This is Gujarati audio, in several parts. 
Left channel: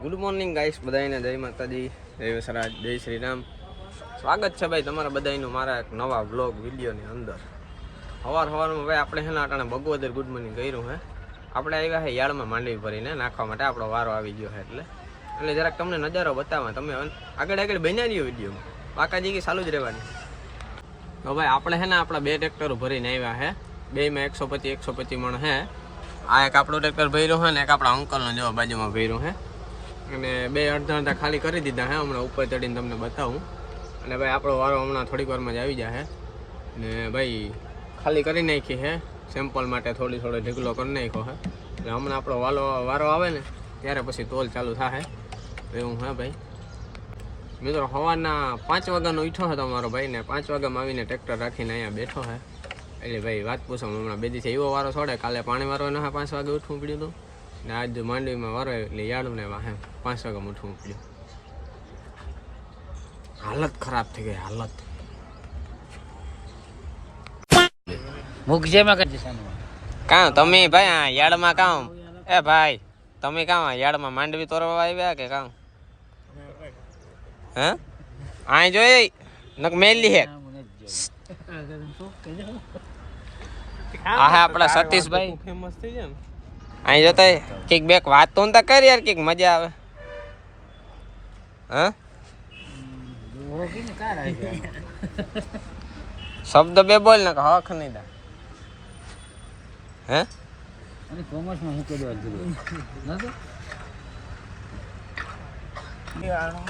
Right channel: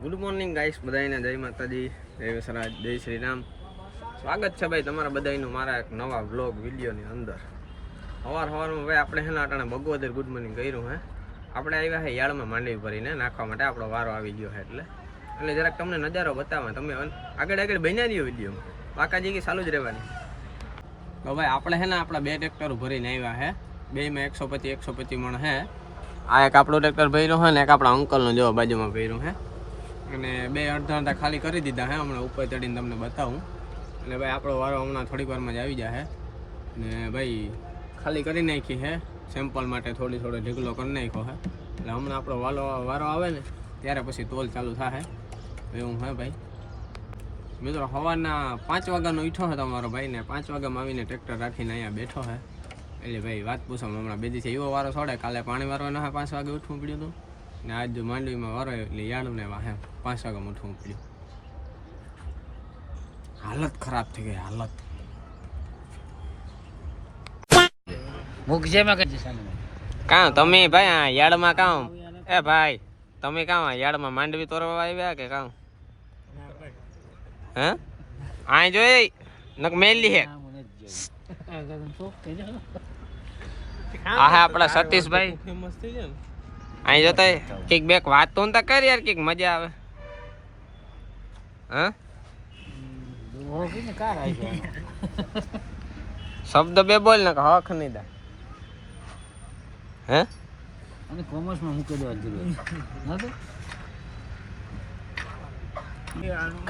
ગુડ મોર્નિંગ ગાઈસ, બધાને જય માતાજી, જય વસરાજ, જય શ્રી રામ. સ્વાગત છે ભાઈ તમારા બધાનું મારા એક નવા વ્લોગ વિડીયોની અંદર. સવારમાં ભાઈ આપણે છે ને અટાણે બગોદર ગુડ મોર્નિંગ કર્યું હે. આપણે આવ્યા છે યાળમાં માંડવી ભરીને નાખવા માટે, આપણો વારો આવી ગયો છે એટલે જરાક તમને નજારો બતાવવા. તમે આગળ બન્યા રહ્યો વિડીયોમાં, બાકાજી કે ચાલુ જ રહેવાની. તો ભાઈ આપણે છે ને આપણા 2 ટ્રેક્ટરો ભરીને આવ્યા છે. બેમાં 125 મણ છે. આ એક આપણો ટ્રેક્ટર ભર્યો છે ને એક આપણા અંકલનો જો બાજુમાં ભર્યો છે. અને 2 અડધા ખાલી કરી દીધા હે. હમણાં ઉપર ચડીને તમને બતાવું. અને ભાઈ આપણો વારો હમણાં થોડીક વારમાં જ આવી જાય. ને ભાઈ ખાલી કરી નાખી છે સેમ્પલ માટે, થોડો ઢીકલો કરી નાખ્યો છે. એટલે હમણાં આપણો વારો આવે ને ત્યારે પછી તોલ ચાલુ થાય એવું હે ભાઈ. મિત્રો સવારના 5 વાગ્યાનો ઉઠ્યો છે તમારો ભાઈ, ને 5 વાગ્યામાં આવીને ટ્રેક્ટર રાખીને અહીંયા બેઠો છે. એટલે ભાઈ વાત પૂછો, હમણાં 2 દિવસે એવો વારો છોડે. કાલે પાણી વારવાનો છે, 5 વાગે ઉઠવું પડ્યું હતું. ને આજ માંડવીમાં વારો એટલે યાળને વાહે 5 વાગે ઉઠવું પડ્યું. હાલત ખરાબ થઈ ગઈ, હાલત. કાં તમે ભાઈ આ યાળમાં કાં એ ભાઈ તમે કાં યાળમાં માંડવી તોરવા આવ્યા કે કાં? હે આ જોઈ નક મેલી હે. આ હે આપડા સતીશભાઈ ફેમસ થઈ જાય ને. અહીં જોતા કઈક બેક વાત તો નતા કરી યાર, કઈક મજા આવે. હા શબ્દ 2 બોલ ને હક નહીં દા. હે અને કોમર્સમાં હું કરવા ગયો નતો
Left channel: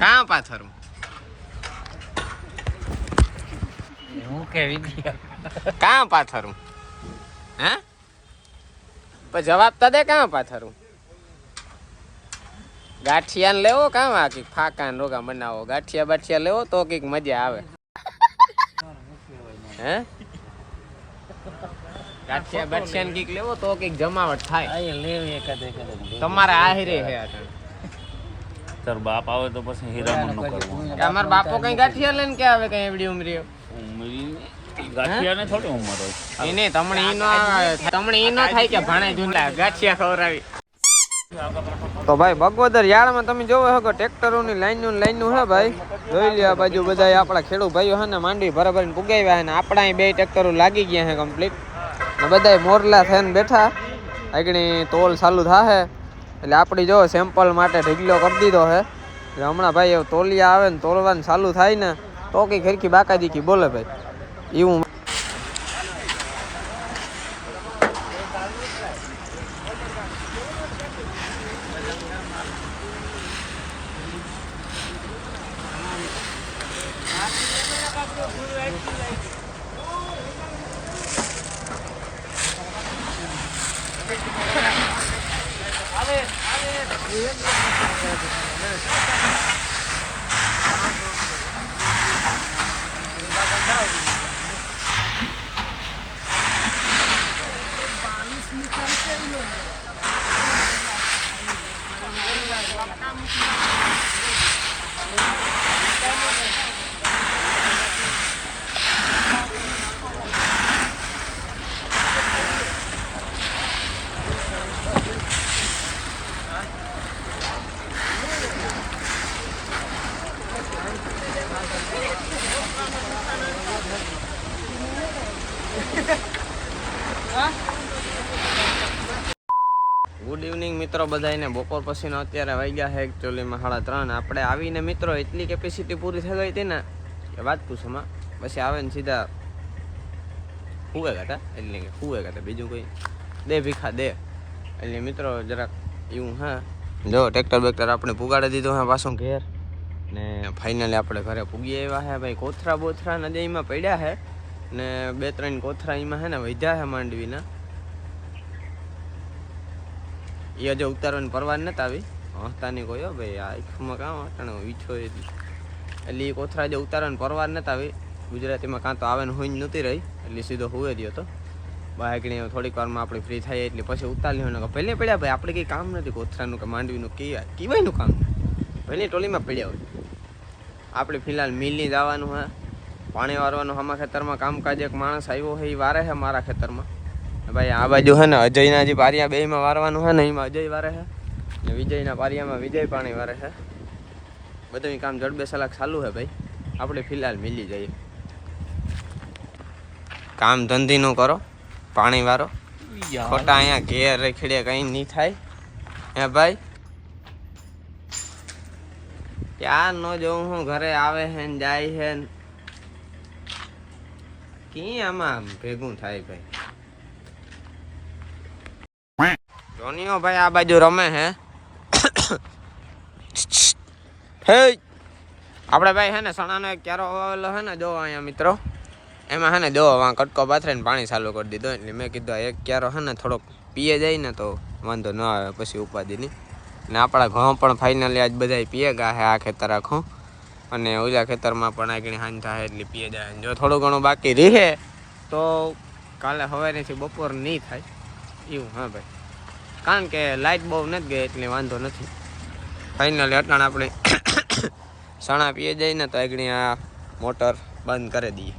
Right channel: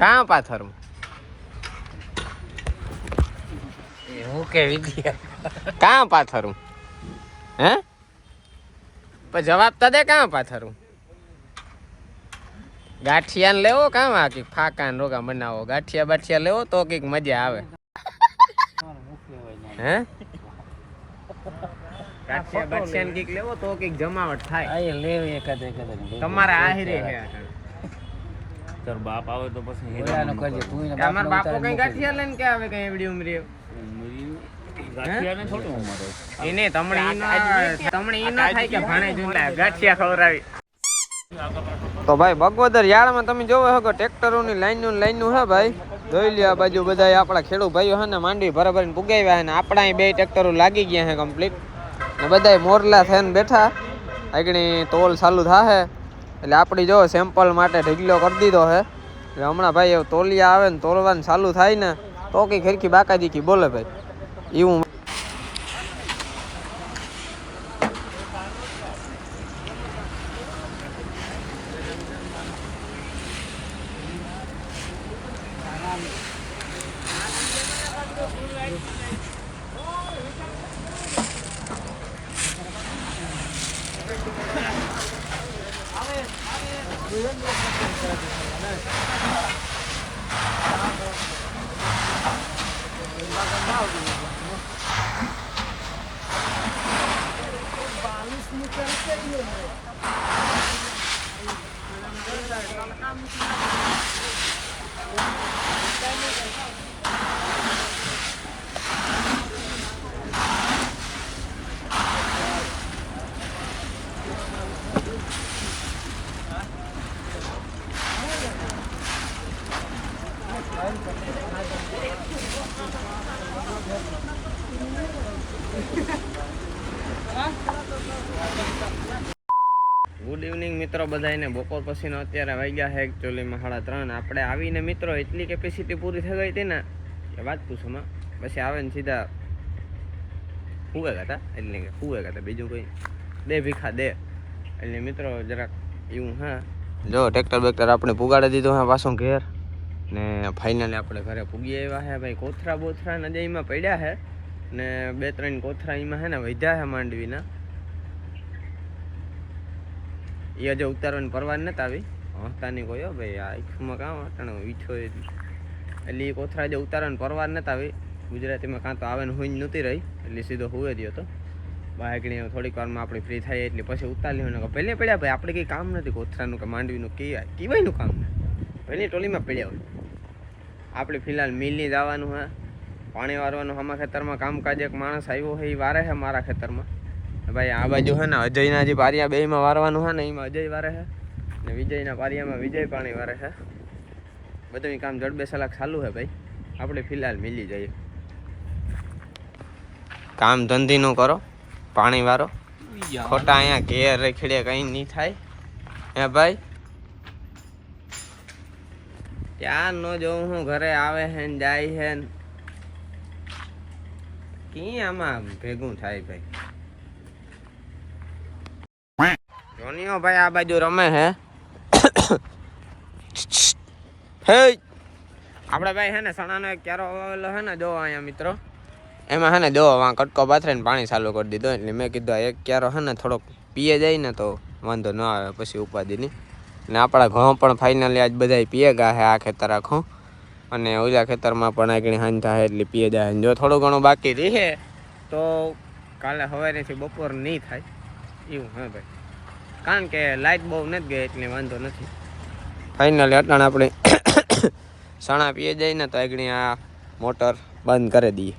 કાં પાથર હું કે વિદ્યા કાં પાથરું? હે જવાબ તો દે, કાં પાથરું? ગાંઠિયા લેવો કાં કઈક ફાકા રોગા બનાવો, ગાંઠિયા લેવો તો કઈક મજા આવે. હે ગાંઠિયા ને કઈક લેવો તો કઈક જમાવટ થાય. તમારે આહિરે હે અટાણે. તાર બાપ આવે તો પછી હીરામણ નું કરવું. કે અમાર બાપો કઈ ગાંઠિયા લઈને કે આવે કઈ એવડી ઉમરી ગાંઠિયા ને થોડી ઉંમર હોય એને તમને ઈ નો થાય કે ભાણે જુંડા ગાંઠિયા ખવરાવી. તો ભાઈ બગોદર યાળમાં તમે જોવો છો ટ્રેક્ટરોની લાઈન હે ભાઈ. જોઈ લ્યો આ બાજુ બધા આપણા ખેડૂત ભાઈઓ હે ને માંડવી ભરાભરીને પુગાવ્યા હે ને આપણા અહીં 2 ટ્રેક્ટરો લાગી ગયા હે કમ્પ્લીટ. ને બધા મોરલા થઈને બેઠા. આગળ તોલ ચાલુ થાહે એટલે આપણી જો સેમ્પલ માટે ઢીકલો કરી દીધો હે. એટલે હમણાં ભાઈ તોલિયા આવે ને તોલવાનું ચાલુ થાય ને તો કઈ ખરખી બાકાજી બોલે ભાઈ એવું. ગુડ ઇવનિંગ મિત્રો બધાને. બપોર પછીનો અત્યારે વાગ્યા છે એકચ્યુઅલીમાં 3:30. આપણે આવીને મિત્રો એટલી કેપેસિટી પૂરી થઈ ગઈ હતી ને કે વાત પૂછોમાં. પછી આવે ને સીધા હુવે ગાતા બીજું કોઈ દે ભીખા દે. એટલે મિત્રો જરાક એવું હા જો ટ્રેક્ટર આપણે પુગાડી દીધું હા પાછું ઘેર. ને ફાઇનલી આપણે ઘરે પૂગી આવ્યા છે ભાઈ. કોથરા બોથરા નદીમાં પડ્યા છે ને 2-3 કોથરા એમાં છે ને વધ્યા છે માંડવીના. એ હજુ ઉતારવાની પરવાન નથી આવી. હસ્તાની કોઈ હો ભાઈ આ આંખમાં કામ અટાણે વીઠો એટલે એ કોથરા હજુ ઉતારવાની પરવાન નથી આવી. ગુજરાતીમાં કાં તો આવે ને હોય નહોતી રહી એટલે સીધો હુવે રહ્યો હતો. બાઈકણી થોડીક વારમાં આપણે ફ્રી થાય એટલે પછી ઉતારી લ્યો. પહેલે પડ્યા ભાઈ આપણે કંઈ કામ નથી કોથરાનું કે માંડવીનું કીવાયનું કામ પહેલી ટોલીમાં પડ્યા હોય. આપણે ફિલહાલ મિલની જવાનું હે, પાણી વારવાનું. આમાં ખેતરમાં કામકાજ એક માણસ આવ્યો છે એ વારે છે મારા ખેતરમાં. ભાઈ આ બાજુ છે ને અજયના જે પારિયા 2માં વારવાનું છે ને એમાં અજય વારે છે. ને વિજયના પારિયામાં વિજય પાણી વારે છે. બધું કામ જડબે સલાક ચાલુ છે ભાઈ. આપણે ફિલહાલ મિલી જઈએ. કામ ધંધીનું કરો, પાણી વારો. ખોટા અહીંયા ઘેર રેખડે કઈ નહીં થાય હે ભાઈ. ક્યાં નો જોઉં હું ઘરે આવે છે ને જાય છે ને કી આમાં ભેગું થાય ભાઈ. જોનીઓ ભાઈ આ બાજુ રમે છે. હે આપણે ભાઈ છે ને સણાનો એક ક્યારો આવેલો છે ને, જો અહીંયા મિત્રો એમાં છે ને જો કટકો પાથરીને પાણી ચાલુ કરી દીધો. એટલે મેં કીધું એક ક્યારો છે ને થોડોક પીએ જાય ને તો વાંધો ન આવે પછી ઉપાધિની. ને આપણા ઘઉં પણ ફાઇનલી આજ બધા પીએ ગયા છે આ ખેતર આખું. અને ઓલા ખેતરમાં પણ આગળ હાંજ થાય એટલે પીએ જાય. જો થોડું ઘણું બાકી રહે તો કાલે સવારેથી બપોર નહીં થાય એવું. હા ભાઈ, કારણ કે લાઇટ બહુ નથી ગઈ એટલે વાંધો નથી. ફાઇનલી અટાણ આપણે સણા પીએ જાય ને તો આગળ આ મોટર બંધ કરી દઈએ.